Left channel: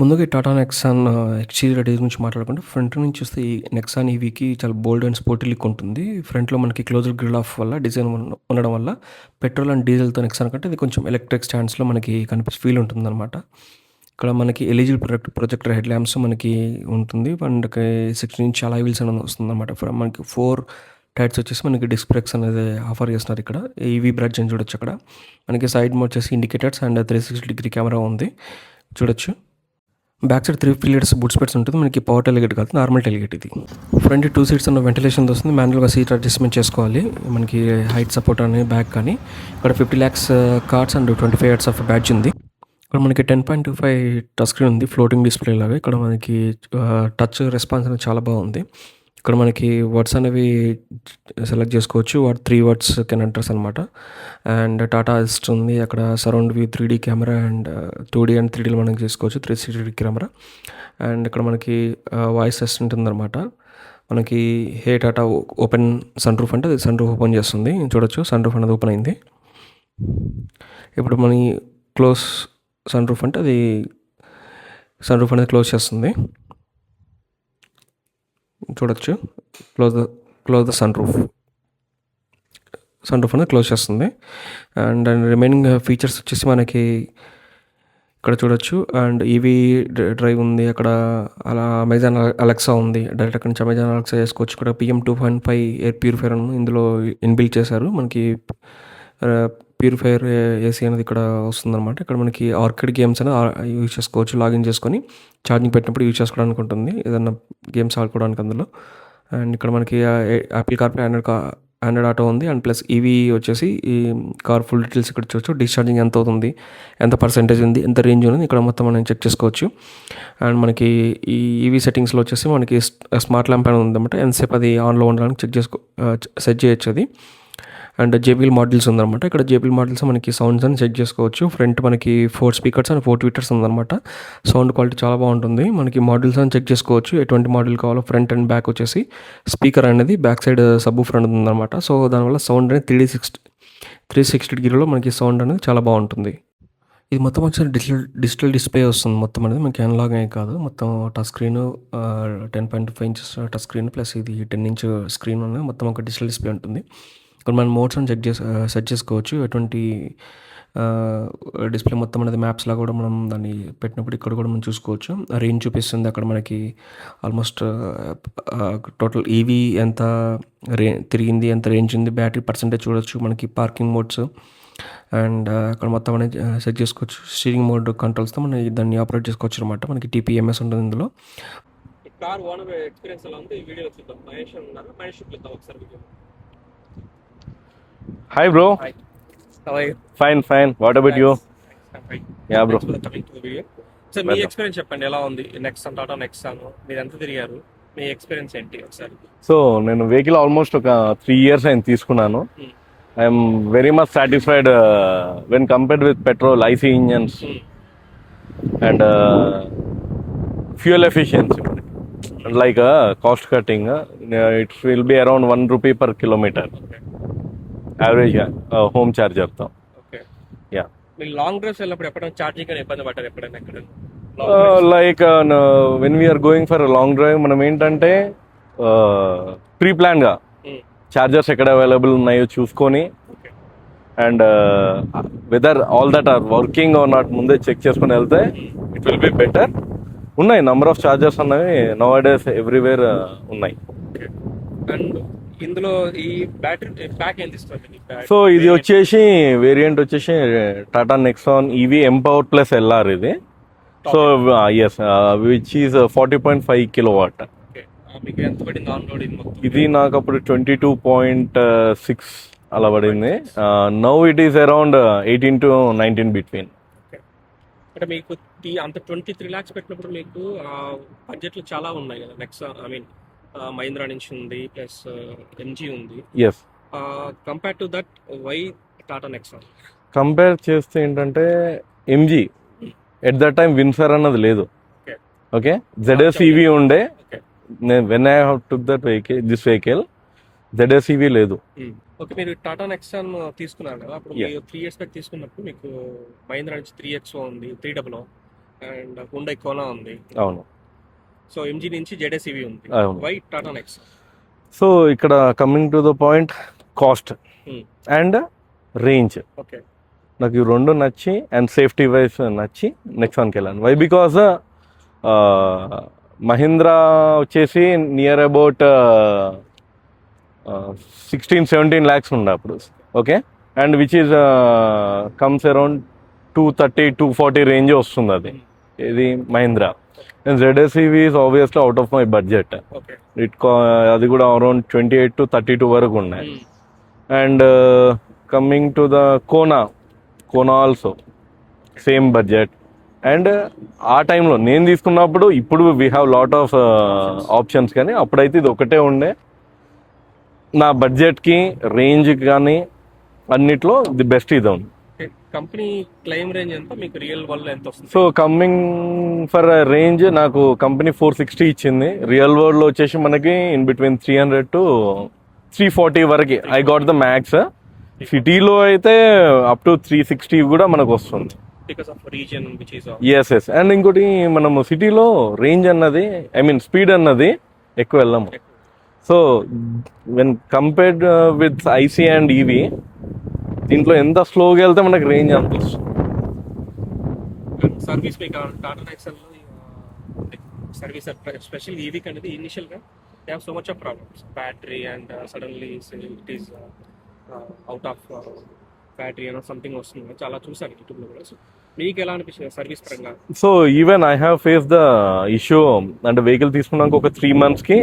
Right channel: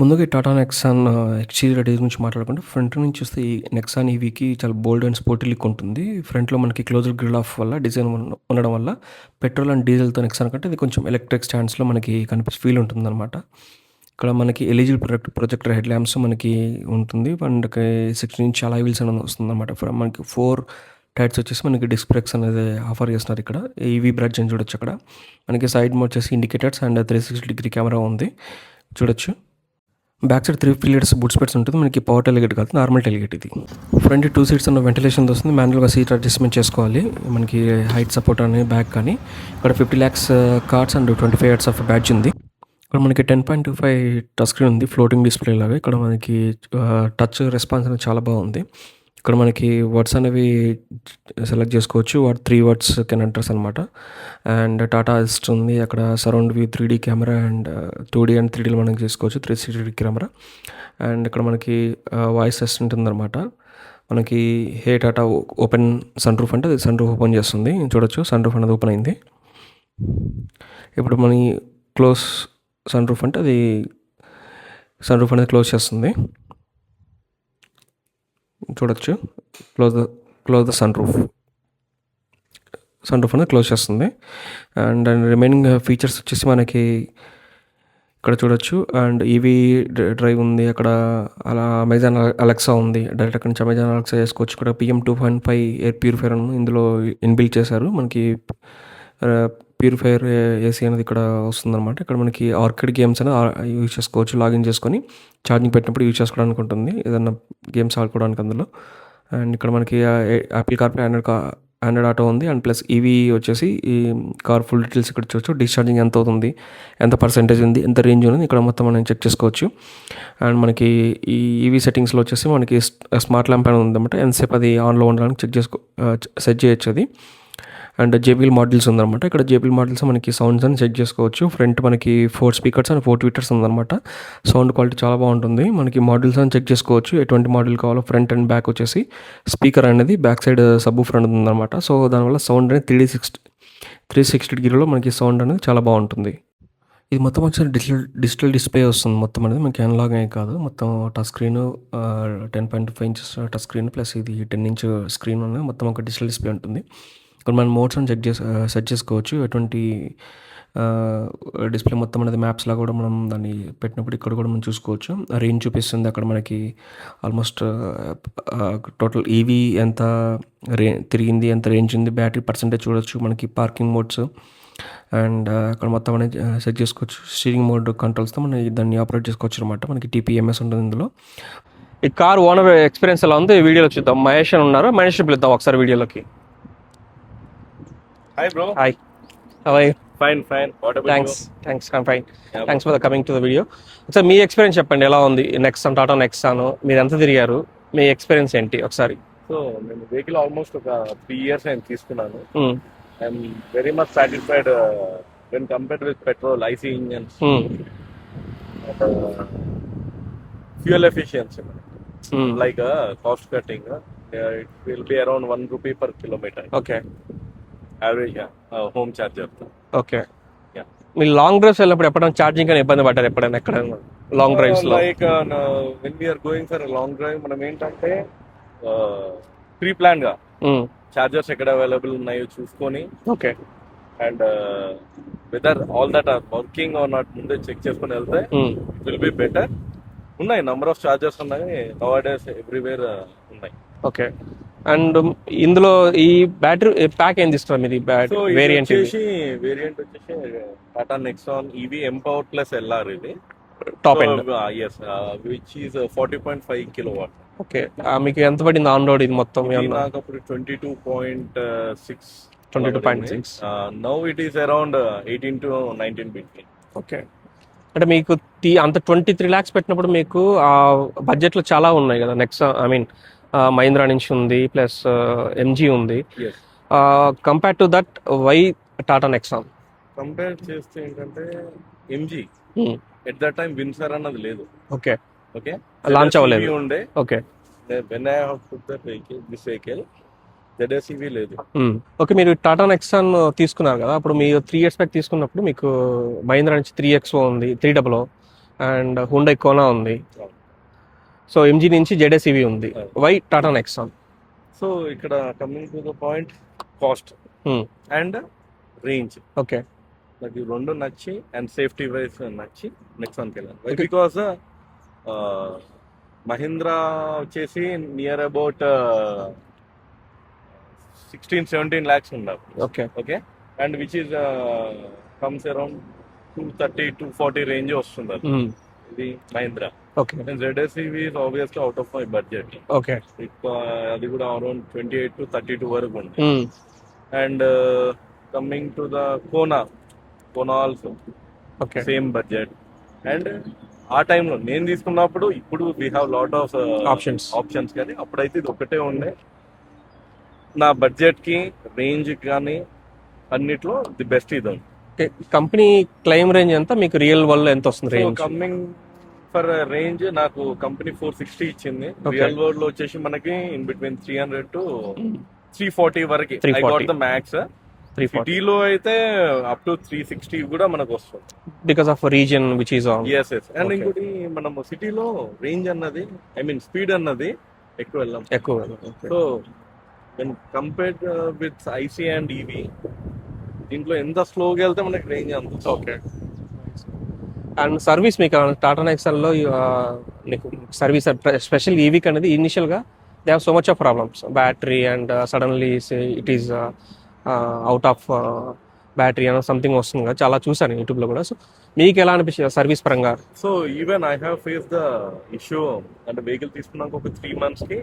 ముందుగా ఈ Tata Nexon exterior గురించి మాట్లాడుకుంటే ఫ్రంట్ నుంచి చూస్తే ఈ నెక్సాన్ ఈవీకి చాలా బోల్డ్ అండ్ స్పోర్టీ లుక్ ఉంటుంది. ఫ్రంట్‌లో మనకి క్లోజ్డ్ గ్రిల్ ఆఫ్ వల్ల డిజైన్ ఉండడం వల్ల పెట్రోల్ అండ్ డీజిల్‌తో నెక్సాన్ కంటే ఇది కొంచెం ఎలక్ట్రిక్ స్టాండ్స్‌లో మనకి కనిపించే ఫీల్ ఉంటుందనమాట. ఇక్కడ మనకి ఎల్ఈడీ ప్రొజెక్టర్ హెడ్ ల్యాంప్స్ మనకి ఉంటుంది. అండ్ 16 ఇంచ్ అలాయ్ వీల్స్ అనేది వస్తుందనమాట. మనకి 4 టైర్స్ వచ్చేసి మనకి డిస్క్ బ్రేక్స్ అనేది ఆఫర్ చేస్తున్నారు ఇక్కడ. ఈవీ బ్రాంచ్ అని చూడొచ్చు అక్కడ. మనకి సైడ్ మోడ్ వచ్చేసి ఇండికేటర్స్ అండ్ 360 డిగ్రీ కెమెరా ఉంది చూడొచ్చు. Back side 3 pillars boot space ఉంటుంది. మనకి పవర్ టెలిగేట్ కాదు, నార్మల్ టెలిగేట్ ఇది. ఫ్రంట్ 2 సీట్స్ ఉన్న వెంటిలేషన్ వస్తుంది. మాన్యువల్గా సీట్ అడ్జస్ట్మెంట్ చేసుకోవాలి. మనకి హైట్ సపోర్ట్ అని బ్యాక్ కానీ ఇక్కడ 50 lakhs cards and 25 years of badge ఉంది. ఇక్కడ మనకి 10.25 టచ్ స్క్రీన్ ఉంది, ఫ్లోటింగ్ డిస్ప్లే లాగా. ఇక్కడ మనకి టచ్ రెస్పాన్స్ అనేది చాలా బాగుంది. ఇక్కడ మనకి వర్డ్స్ అనేవి సెలెక్ట్ చేసుకోవచ్చు. 3 words కెన్ ఎంటర్స్ అనమాట. అండ్ టాటా అసిస్ట్ ఉంది. అక్కడ surround view 3D camera and 2D and 3Dలో మనం చేసుకోవచ్చు, 360 కెమెరా. అండ్ ఇక్కడ మనకి వాయిస్ అసిస్టెంట్ ఉందన్నమాట. మనకి హే టాటా ఓపెన్ సన్ రూఫ్ అంటే అది సన్ రూఫ్ ఓపెన్ చేస్తుంది. చూడొచ్చు సన్ రూఫ్ అనేది ఓపెన్ అయింది. ఇప్పుడు మన క్లోజ్ సన్ రూఫ్ అంటే అది సన్ రూఫ్ అనేది క్లోజ్ చేస్తుంది. చూడొచ్చు క్లోజ్ ద సన్ రూఫ్ అనేది క్లోజ్ చేస్తుంది. అండ్ రిమైనింగ్ ఫీచర్స్ వచ్చేసి మనకి ఇక్కడ చూడొచ్చు. అండ్ ఈవీ డ్రైవ్ ఉంది అక్కడ. అలా అమెజాన్ అలెక్సా ఉంది, డైరెక్ట్ అక్కడ నుంచి అమెజాన్ అలెక్సా చేసుకోవచ్చు. ఇక్కడ PM 2.5 ఎయిర్ ప్యూరిఫైయర్ ఇందులో ఇన్బిల్ట్ చేశారు. మనకి ప్యూరిఫైయర్ ఏసీ అనేది ఇక్కడ వస్తుందన్నమాట. ఇక్కడ మనకి ఆర్కేడ్ గేమ్స్ అనేది యూజ్ చేసుకోవచ్చు. లాగిన్ చేసుకొని ఛార్జింగ్ పెట్టినప్పుడు యూజ్ చేసుకోవడానికి ఉంటుంది, ఏదన్నా గేమ్స్ ఆడుకోవడానికి అందులో. అండ్ ఇక్కడ మనకి యాపిల్ కార్ప్లే ఆండ్రాయిడ్ ఆటో ఉంది. అండ్ ప్లస్ ఈవీ వచ్చేసి ఈ కార్ ఫుల్ డీటెయిల్స్ ఇక్కడ చూడొచ్చు. డిశ్చార్జింగ్ ఎంత అవుతుంది, ఎంత పర్సెంటేజ్ ఉంది, ఎంత రేంజ్ ఉంది, ఇక్కడ మొత్తం మనం చెక్ చేసుకోవచ్చు. అండ్ మనకి ఈ ఈవీ సెట్టింగ్స్లో వచ్చేసి మనకి స్మార్ట్ ల్యాంప్ అనేది ఉందన్నమాట. ఎంతసేపు అది ఆన్లో ఉండడానికి సెట్ చేయొచ్చు అది. అండ్ JBL మోడల్స్ ఉందన్నమాట. ఇక్కడ JBL మోడల్స్ మనకి సౌండ్స్ అని చెక్ చేసుకోవచ్చు. ఫ్రంట్ మనకి 4 స్పీకర్స్ అండ్ 4 ట్విట్టర్స్ ఉందన్నమాట. సౌండ్ క్వాలిటీ చాలా బాగుంటుంది. మనకి మోడల్స్ అని చెక్ చేసుకోవచ్చు, ఎటువంటి మోడల్ కావాలో. ఫ్రంట్ అండ్ బ్యాక్ వచ్చేసి స్పీకర్ అనేది బ్యాక్ సైడ్ సబ్‌వూఫర్ అనేది ఉందన్నమాట. సో దానివల్ల సౌండ్ అనేది 360 డిగ్రీలో మనకి సౌండ్ అనేది చాలా బాగుంటుంది. ఇది మొత్తం వచ్చి డిజిటల్ డిస్ప్లే వస్తుంది. మొత్తం అనేది మనకి అనలాగ్ అనే కాదు, మొత్తం touch screen 10.5 inches touch screen plus ఇది 10 inch స్క్రీన్ అనేది మొత్తం ఒక డిజిటల్ డిస్ప్లే ఉంటుంది. ఇక్కడ మనం మోడ్స్ అని సెట్ చేసుకోవచ్చు. ఎటువంటి డిస్ప్లే మొత్తం అనేది మ్యాప్స్ లాగా కూడా మనం దాన్ని పెట్టినప్పుడు ఇక్కడ కూడా మనం చూసుకోవచ్చు. రేంజ్ చూపిస్తుంది అక్కడ మనకి. ఆల్మోస్ట్ టోటల్ ఈవీ ఎంత తిరిగింది, ఎంత రేంజ్ ఉంది, బ్యాటరీ పర్సెంటేజ్ చూడొచ్చు. మనకి పార్కింగ్ మోడ్స్ అండ్ అక్కడ మొత్తం అనేది సెట్ చేసుకోవచ్చు. స్టీరింగ్ మోడ్ కంట్రోల్స్తో మనం దాన్ని ఆపరేట్ చేసుకోవచ్చు అనమాట. మనకి TPMS ఉంటుంది ఇందులో. ఈ కార్ ఓనర్ ఎక్స్పీరియన్స్ ఎలా ఉంది వీడియోలో చూద్దాం. మహేష్ అని ఉన్నారు, మహేష్ పిలుద్దాం ఒకసారి వీడియోలోకి. Hi bro. Hi. How are you? Fine. What about you? Thanks. I'm fine. Yeah, Thanks bro. for coming to the video. So me experience చెప్పండి, ఎలా ఉంది నెక్సాన్, టాటా నెక్సాన్? మీరు ఎంత తిరిగారు, మీ ఎక్స్పీరియన్స్ ఏంటి ఒకసారి? సో నేను వెహికల్ ఆల్మోస్ట్ ఒక 3 years అయింది తీసుకున్నాను. I'm very much satisfied when compared with petrol IC engines and fuel efficiency. Like cost cutting, it will be around 1 rupee per kilometer. Okay, average home చార్జర్తో. Okay. Yeah, మీరు long drives వెళ్ళినప్పుడు ఎప్పుడైనా charging అని ఇబ్బంది పడ్డారు ఎప్పుడైనా ఎక్కడైనా long drives? Like when we're going for long drive మనం ఏంటంటే ప్రీ ప్లాన్ గా చార్జర్స్ ఎక్కడ అవైలబుల్ ఉన్నాయో చూసుకొని, okay, and whether all that are working or not ముందే చెక్ చేసుకుని వెళ్తే ఇట్ విల్ బి బెటర్. ఉన్నాయి నంబర్ ఆఫ్ చార్జర్స్ అనేవి నౌ డేస్ ఎవ్రీవేర్ ఉన్నాయి. ఓకే. అండ్ ఇందులో ఈ బ్యాటరీ ప్యాక్ ఏం తీస్తున్నారు మీరు? సో ఇది వచ్చేసి వేరియంట్ వచ్చేసి Tata Nexon EV empower plus LR ఇది. Yes, which is 40.5 kilowatt. Okay. మీకు ఎంత పడింది ఆన్ రోడ్ ఇది మొత్తం? ఇది నాకు అప్పుడు 22.6 అలా పడింది. Now it is around 18 to 19 between. Okay. అంటే మీకు అంత 23 lakhs పెట్టినప్పుడు మీకు ఆ బడ్జెట్లో చాలా ఉన్నాయి కదా. నెక్సాన్ ఐ మీన్ మహీంద్రా నుంచి ఉంది, ప్లస్ MG ఉంది. Yes, compare to that why Tata Nexon? Compare చేస్తే ఏంటంటే MG at that time Windsor అన్నది లేదు. Okay, okay. ZS-EV ఉండే. Okay. When I have took that this vehicle ZS-EV లేదు. ఓకే. మీరు టాటా నెక్సాన్ తీసుకున్నారు కదా, అప్పుడు మీరు 3 years బ్యాక్ తీసుకున్నప్పుడు మీకు మహీంద్రా నుంచి 3XO ఉంది, 300, అండ్ హుండై కోనా ఉంది. అవును. సో ఎంజీ నుంచి జెడ్ఎస్ ఈవీ ఉంది. అవును. Why Tata Nexon? సో ఇక్కడ coming to the point, cost and range. Okay. నాకు ఈ రెండు నచ్చి అండ్ సేఫ్టీ వైజ్ నచ్చి నెక్సాన్కి వెళ్ళాను. వై బికాజ్ మహీంద్రా వచ్చేసి నియర్ అబౌట్ 16-17 lakhs ఉండే అప్పుడు. Okay. Okay. And which is comes around 230-240 range వస్తుంది అది. ఇది Mahindra. Okay. And ZSEV is obviously out of my budget. Okay. అది కూడా అరౌండ్ 28-32 వరకు ఉన్నాయి. And coming to the Kona also okay. Same budget. And ఆ టైంలో నేను తీసుకున్నప్పుడు, ఇప్పుడు we have lot of options, కానీ అప్పుడైతే ఇది ఒకటే ఉండే. నా బడ్జెట్కి, రేంజ్కి కానీ అన్నిట్లో ది బెస్ట్ ఇది ఉంది. కంపెనీ క్లెయిమ్ రేంజ్ ఎంత, మీకు రియల్ వరల్డ్ ఎంత వస్తుంది? సో కమింగ్ ఫర్ రేంజ్ నాకు కంపెనీ 460 ఇచ్చింది. రియల్ వరల్డ్ లో వచ్చేసి మనకి ఇన్ బిట్వీన్ 300-340 వరకు ఐ గాట్ ద మ్యాక్స్. సిటీలో అయితే అప్ టు 360 కూడా మనకు వస్తుంది, because of region which is. Yes. And ఇంకోటి, మనము సిటీలో రేంజ్ అన్నది, ఐ మీన్ స్పీడ్ అన్నది ఎక్కువ వెళ్ళాము. So when compared with IC and EV, దీంట్లో ఎంత స్లోగా వెళ్తే మనకి రేంజ్ అనిపిస్తుంది. ఓకే. అండ్ సర్వీస్ మీకు టాటా నెక్సాన్లో మీకు సర్వీస్ స్పెషల్ ఈవీకి అనేది ఇనిషియల్గా they have so much of problems, battery and suddenly it is out of battery అని సంథింగ్ వస్తుంది కదా, చాలా చూసాను యూట్యూబ్లో కూడా. సో మీకు ఎలా అనిపించింది సర్వీస్ పరంగా? So even I have face the issue, అంటే వెహికల్ తీసుకున్నాక ఒక 3 monthsకి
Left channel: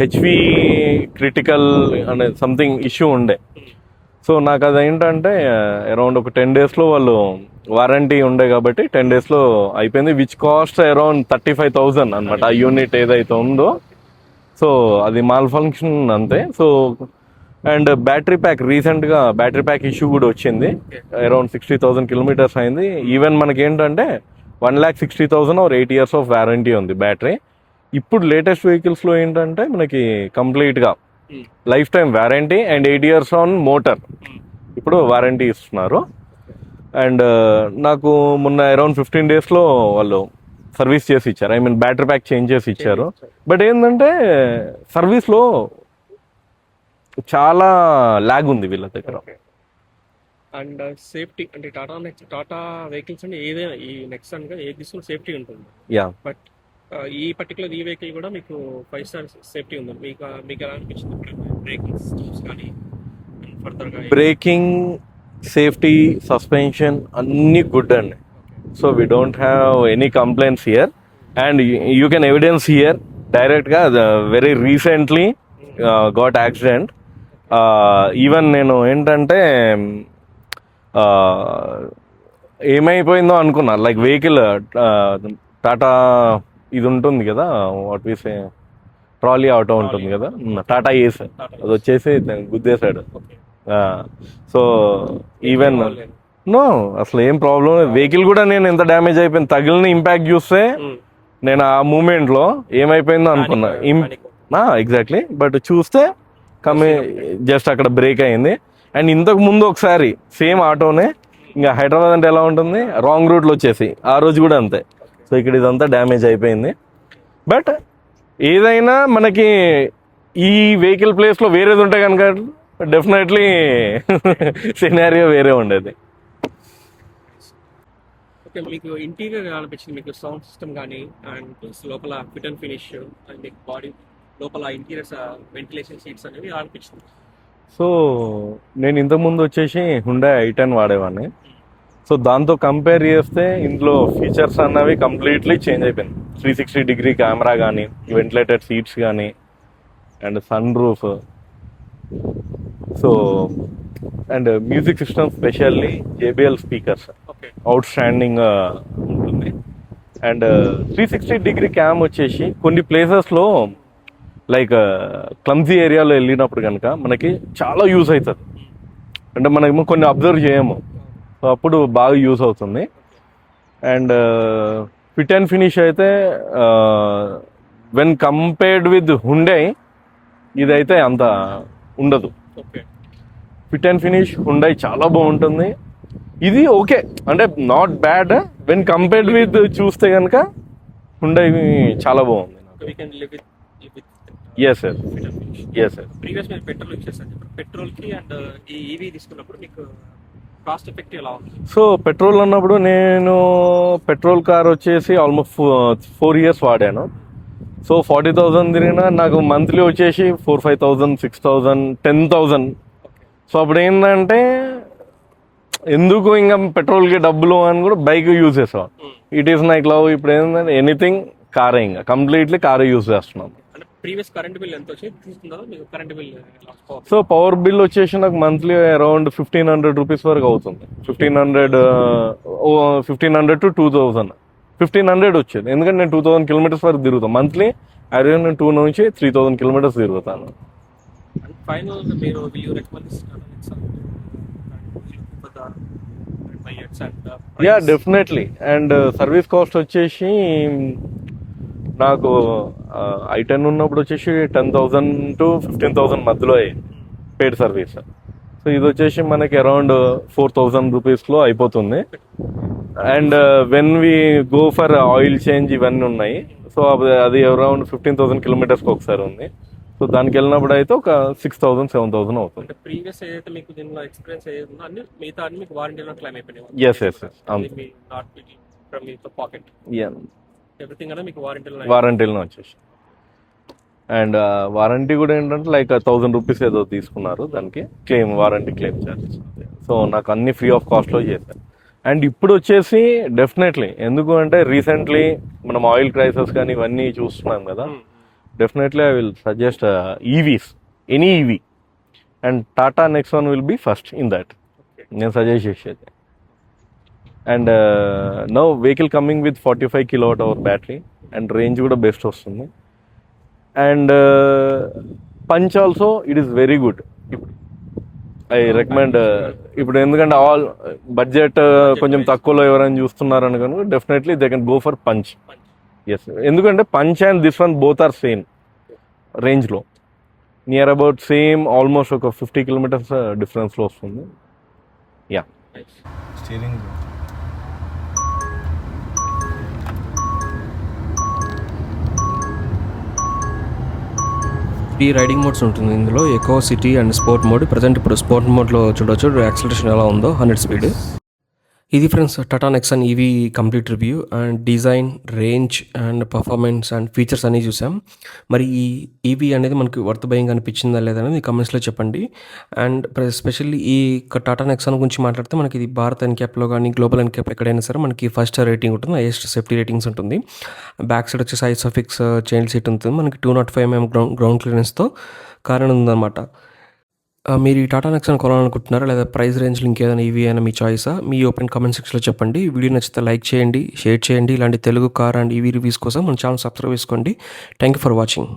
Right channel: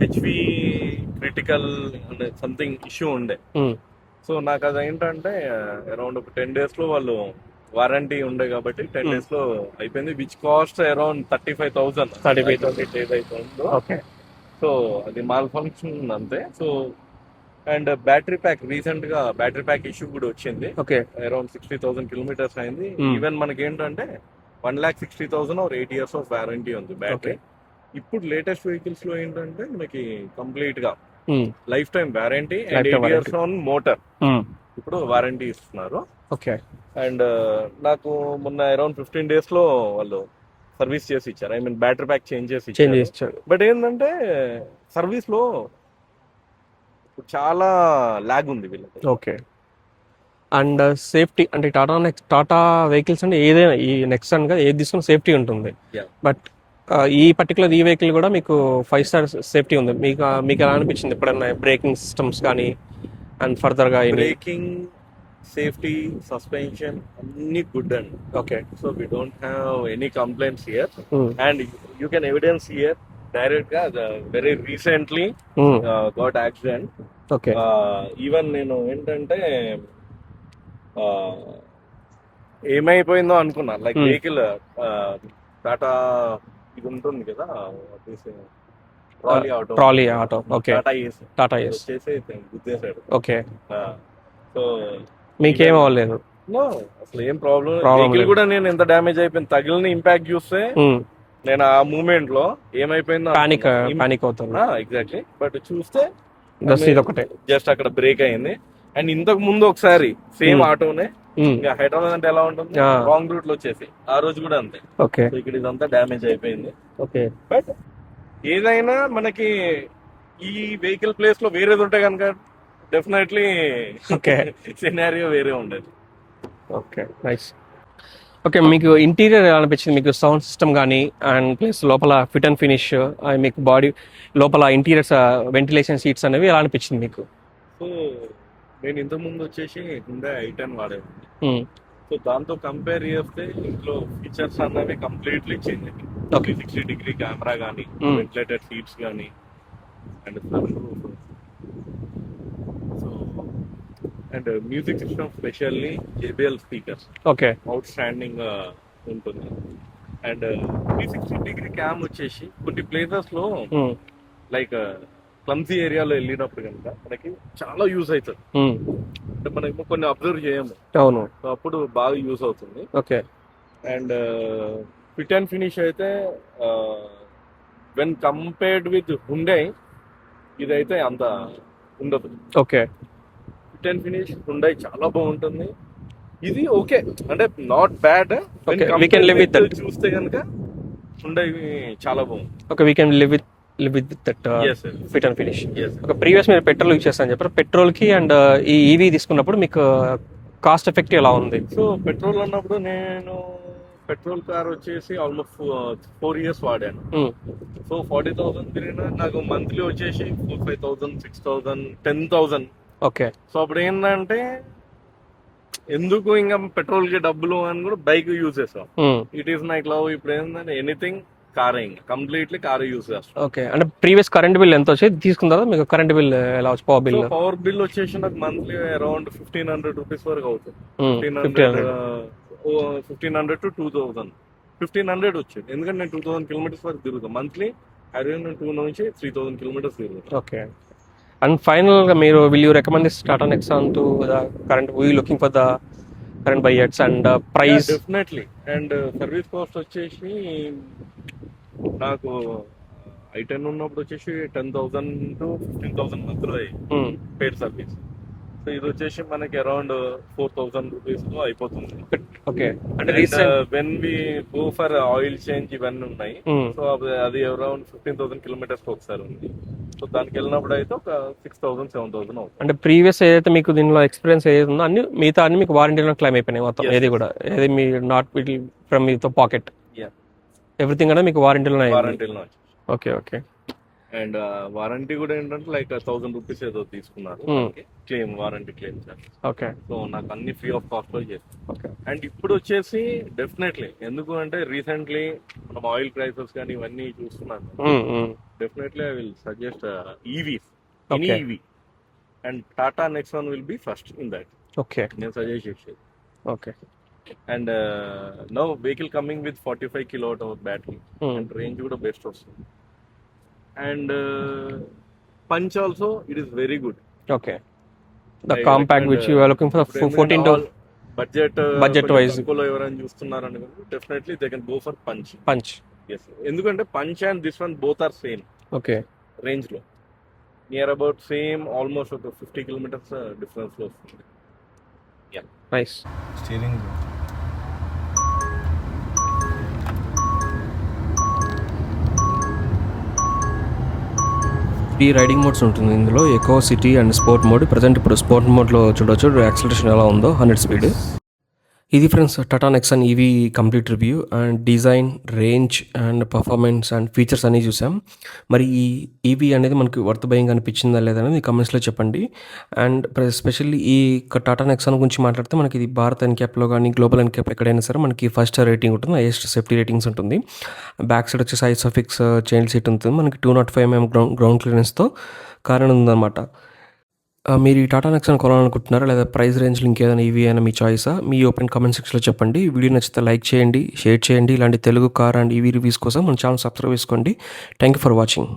హెచ్వి క్రిటికల్ అనే సంథింగ్ ఇష్యూ ఉండే. సో నాకు అది ఏంటంటే అరౌండ్ ఒక 10 daysలో వాళ్ళు వారంటీ ఉండే కాబట్టి 10 daysలో అయిపోయింది, విచ్ కాస్ట్ అరౌండ్ 35,000 అన్నమాట ఆ యూనిట్ ఏదైతే ఉందో. సో అది మాల్ ఫంక్షన్ అంతే. So and battery pack, recent గా బ్యాటరీ ప్యాక్ ఇష్యూ కూడా వచ్చింది. అరౌండ్ 60,000 kilometers అయింది. ఈవెన్ మనకి ఏంటంటే 1,60,000 or 8 years ఆఫ్ వారంటీ ఉంది బ్యాటరీ. ఇప్పుడు లేటెస్ట్ వెహికల్స్ లో ఏంటంటే మనకి కంప్లీట్ గా life time warranty and 8 years on motor ఇప్పుడు వారంటీ ఇస్తున్నారు. అండ్ నాకు మొన్న అరౌండ్ 15 daysలో వాళ్ళు సర్వీస్ చేసి ఇచ్చారు, I mean battery pack change చేసి ఇచ్చారు. బట్ ఏంటంటే సర్వీస్ లో చాలా లాగ్ ఉంది వీళ్ళ దగ్గర. ఓకే. అండ్ సేఫ్టీ అంటే టాటా వెహికల్స్ అంటే ఏదైనా, ఈ నెక్సాన్ గా ఏది తీసుకున్న సేఫ్టీ ఉంటుంది. బట్ ఈ పర్టికులర్ ఈ వెహికల్ కూడా మీకు 5 star సేఫ్టీ ఉంది. మీకు ఎలా అనిపించింది ఎప్పుడన్నా? బ్రేకింగ్ సిస్టమ్స్ కానీ అండ్ ఫర్దర్ గా బ్రేకింగ్, సేఫ్టీ, సస్పెన్షన్ అన్ని గుడ్ అండి. Okay. So we don't have any complaints here. And you can evidence here direct గా very recently got accident. Even నేను ఏంటంటే ఏమైపోయిందో అనుకున్నా, లైక్ వెహికల్ టాటా ఇది ఉంటుంది కదా, what we say trolley auto, Tata Ace వచ్చేసి గుద్దేశాడు. ఓకే. సో నో, అసలు ఏం ప్రాబ్లం, వెహికల్ కూడా నేను ఎంత డ్యామేజ్ అయిపోయింది, తగిలిన ఇంపాక్ట్ చూస్తే నేను ఆ మూమెంట్ లో ఏమైపోయిందో అనుకున్నా. ఎగ్జాక్ట్లీ. బట్ చూస్తే జస్ట్ అక్కడ బ్రేక్ అయింది. అండ్ ఇంతకు ముందు ఒకసారి సేమ్ ఆటోనే, ఇంకా హైదరాబాద్ అంటే ఎలా ఉంటుంది, రాంగ్ రూట్ లో వచ్చేసి ఆ రోజు కూడా అంతే. సో ఇక్కడ ఇదంతా డ్యామేజ్ అయిపోయింది. బట్ ఏదైనా మనకి ఈ వెహికల్ ప్లేస్ లో వేరేది ఉంటే కనుక డెఫినెట్లీ సినారియో వేరే ఉండేది. Okay, nice. ఓకే, మీకు ఇంటీరియర్ ఎలా అనిపించింది? మీకు సౌండ్ సిస్టమ్ కానీ అండ్ ప్లస్ లోపల ఫిట్ అండ్ ఫినిష్, మీకు బాడీ లోపల ఇంటీరియర్స్ వెంటిలేషన్ సీట్స్ అనేవి ఎలా అనిపించింది మీకు? సో నేను ఇంతకుముందు వచ్చేసి హుండా i10 వాడేవాడిని. సో దాంతో కంపేర్ చేస్తే ఇందులో ఫీచర్స్ అన్నవి కంప్లీట్లీ చేంజ్ అయిపోయింది. 360-degree కెమెరా కానీ, వెంటిలేటెడ్ సీట్స్ కానీ, and sunroof. So and music system, specially JBL speakers outstanding ఉంటుంది. అండ్ 360-degree క్యామ్ వచ్చేసి కొన్ని ప్లేసెస్ లో లైక్ క్లమ్జీ ఏరియాలో వెళ్ళినప్పుడు కనుక మనకి చాలా యూజ్ అవుతుంది. అంటే మనకి కొన్ని అబ్జర్వ్ చేయము, అవును, అప్పుడు బాగా యూజ్ అవుతుంది. అండ్ ఫిట్ అండ్ ఫినిష్ అయితే వెన్ కంపేర్డ్ విత్ హుండై ఇదైతే అంత ఉండదు. Okay. Fit and finish Hyundai చాలా బాగుంటుంది. ఇది ఓకే అంటే not bad when Okay, we can compare live with with చూస్తే కనుక హుండై చాలా బాగుంది. Okay, we can live with that Yes, sir. Fit and finish. Yes, sir. ఒక ప్రీవియస్ మీరు పెట్రోల్ యూజ్ చేస్తాను చెప్పారు, పెట్రోల్కి అండ్ ఈ ఈవీ తీసుకున్నప్పుడు మీకు కాస్ట్ ఎఫెక్టివ్ ఎలా ఉంది? సో పెట్రోల్ అన్నప్పుడు నేను పెట్రోల్ కార్ వచ్చేసి ఆల్మోస్ట్ 4 years వాడాను. సో 40,000 తిరిగినా నాకు మంత్లీ వచ్చేసి 4,000, 5,000, 6,000, 10,000. ఓకే, సో అప్పుడు ఏంటంటే ఎందుకు ఇంకా పెట్రోల్కి డబ్బులు అని కూడా బైక్ యూజ్ చేస్తాం. It is like love. ఇప్పుడు ఏంటంటే ఎనీథింగ్ కారే, ఇంకా కంప్లీట్లీ కారే యూజ్ చేస్తాం. ఓకే. అంటే ప్రీవియస్ కరెంట్ బిల్ ఎంత వచ్చేది తీసుకున్న తర్వాత మీకు కరెంట్ బిల్ ఎలా వచ్చి power so bill? Power bill వచ్చేసి నాకు మంత్లీ అరౌండ్ 1,500 రూపీస్ వరకు అవుతుంది. 1,500 to 2,000. 1,500 వచ్చేది, ఎందుకంటే నేను 2,000 కిలోమీటర్స్ వరకు తిరుగుతాను మంత్లీ. నేను 2 నుంచి 3,000 కిలోమీటర్స్ తిరుగుతాను. ఓకే. అండ్ ఫైనల్ గా మీరు will you recommend this Tata Nexon to the current we looking for the current buyers and price? Definitely. And service cost వచ్చేసి నాకు i10 ఉన్నప్పుడు వచ్చేసి 10,000 to 15,000 మధ్యలో పెయిడ్ సర్వీస్. సో ఇది వచ్చేసి మనకి అరౌండ్ 4,000 రూపీస్ లో అయిపోతుంది. Okay. And when we go for oil change ఇవన్నీ ఉన్నాయి. సో అది అరౌండ్ 15,000 కిలోమీటర్స్ ఒకసారి ఉంది. సో దానికి వెళ్ళినప్పుడు అయితే ఒక 6,000, 7,000 అవుతుంది. అంటే ప్రీవియస్ ఏదైతే మీకు దీనిలో ఎక్స్పీరియన్స్ ఏదైతే ఉందో అన్ని మిగతా అన్ని మీకు వారంటీలో క్లైమ్ అయిపోయినాయి మొత్తం? Yes, ఏది yes. కూడా ఏది మీ నాట్ ఫ్రమ్ మీతో పాకెట్ ఎవ్రీథింగ్ కూడా మీకు వారంటీలో వారంటీలో వచ్చేసి. Okay, okay. అండ్ వారంటీ కూడా ఏంటంటే లైక్ 1,000 రూపీస్ ఏదో తీసుకున్నారు దానికి claim, warranty claim charges. Okay. So నాకు అన్ని ఫ్రీ ఆఫ్ కాస్ట్ లో చేశాను. అండ్ ఇప్పుడు వచ్చేసి డెఫినెట్లీ, ఎందుకు అంటే రీసెంట్లీ మనం ఆయిల్ క్రైసిస్ కానీ ఇవన్నీ చూస్తున్నాం కదా, definitely I will suggest EVs, any EV. And Tata Nexon will be first in that. Okay, నేను సజెస్ట్ చేసేది. Okay. And now vehicle coming with 45 kWh battery and range కూడా బెస్ట్ వస్తుంది. And Punch also it is very good. Okay. I recommend. ఇప్పుడు ఎందుకంటే all budget కొంచెం తక్కువలో ఎవరైనా చూస్తున్నారని కనుక definitely they can go for Punch. Yes, ఎందుకంటే Punch and this one both are same. Okay. Range లో నియర్ అబౌట్ సేమ్, ఆల్మోస్ట్ ఒక 50 kilometers డిఫరెన్స్ లో వస్తుంది. Yeah, nice. స్టీరింగ్ ఈ రైడింగ్ మోడ్స్ ఉంటుంది ఇందులో, eco, city and sport mode. Present ఇప్పుడు sport మోడ్లో చూడొచ్చు యాక్సిలరేషన్ ఎలా ఉందో, 100 స్పీడ్. ఇది friends Tata Nexon EV complete review. And design, range and performance and features అన్నీ చూసాం. మరి ఈ ఈవీ అనేది మనకి వర్త్ బయింగ్ అనిపించిందా లేదా అనేది కమెంట్స్లో చెప్పండి. అండ్ స్పెషల్లీ ఈ టాటా నెక్సాన్ గురించి మాట్లాడితే మనకి ఇది భారత్ ఎన్క్యాప్లో కానీ గ్లోబల్ ఎన్క్యాప్ ఎక్కడైనా సరే మనకి 5 స్టార్ రేటింగ్ ఉంటుంది, హైయెస్ట్ సేఫ్టీ రేటింగ్స్ ఉంటుంది. బ్యాక్ సైడ్ వచ్చేసి ఐసోఫిక్స్ చైల్డ్ సీట్ ఉంటుంది మనకి. 205 mm గ్రౌండ్ క్లియరెన్స్తో కారణం ఉందన్నమాట. మీరు ఈ టాటా నెక్సాన్ కొనాలనుకుంటున్నారా లేదా ప్రైస్ రేంజ్లో ఇంకేదైనా ఈవీ అయినా మీ చాయిసా? మీ ఓపెన్ కామెంట్ సెక్షన్లో చెప్పండి. వీడియో నచ్చితే లైక్ చేయండి, షేర్ చేయండి. ఇలాంటి Telugu car and EV reviews కోసం మన ఛానల్ సబ్స్క్రైబ్ చేసుకోండి. Thank you for watching.